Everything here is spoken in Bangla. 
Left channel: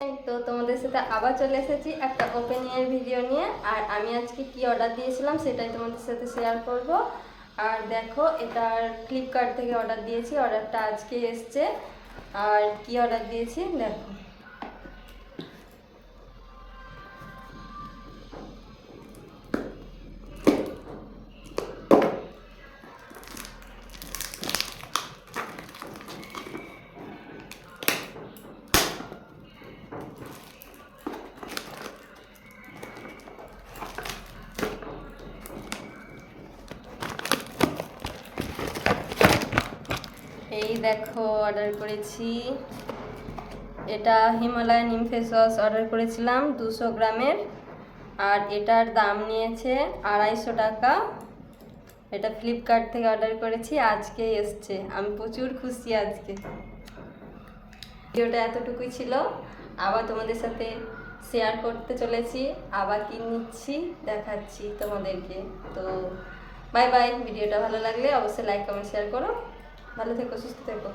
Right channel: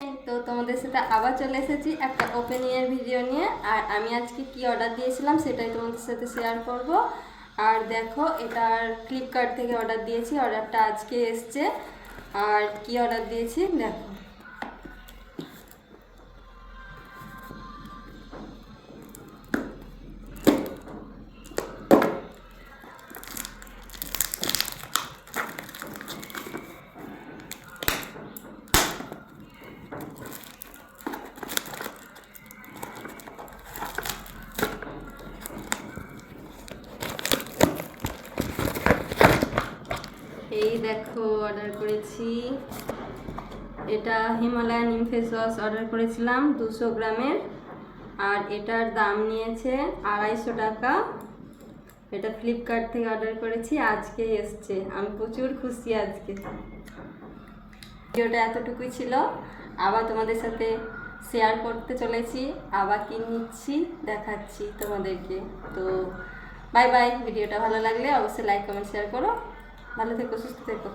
তো তোমাদের সাথে আবার চলে এসেছি একটা ওপেনিং এর ভিডিও নিয়ে। আর আমি আজকে কি অর্ডার দিয়েছিলাম সেটাই তোমাদের সাথে শেয়ার করব। আর দেখো, এটার ফ্লিপকার্ট থেকে অর্ডার দিয়েছি, অর্ডারটা আজকে এসছে। আর কি অর্ডার দিয়েছি দেখো। এই দেখো, অর্ডার করেছি। এটা হিমালয়ান নিম ফেস ওয়াশ অর্ডার করেছিলাম 200 গ্রামের। আর এটার দাম নিয়েছে 250 টাকা। এটা ফ্লিপকার্ট থেকে অর্ডার করেছি, আজকে এসছে। আমি প্রচুর খুশি আজকে। ভিডিওটা এতটুকুই ছিল, আবার তোমাদের সাথে শেয়ার করতে চলেছি। আবার কি নিচ্ছি দেখাচ্ছি তোমাদেরকে। তো বাই বাই। ভিডিওটা ভালো লাগলে অবশ্যই লাইক কমেন্ট শেয়ার করো। ভালো থেকো, সুস্থ থেকো।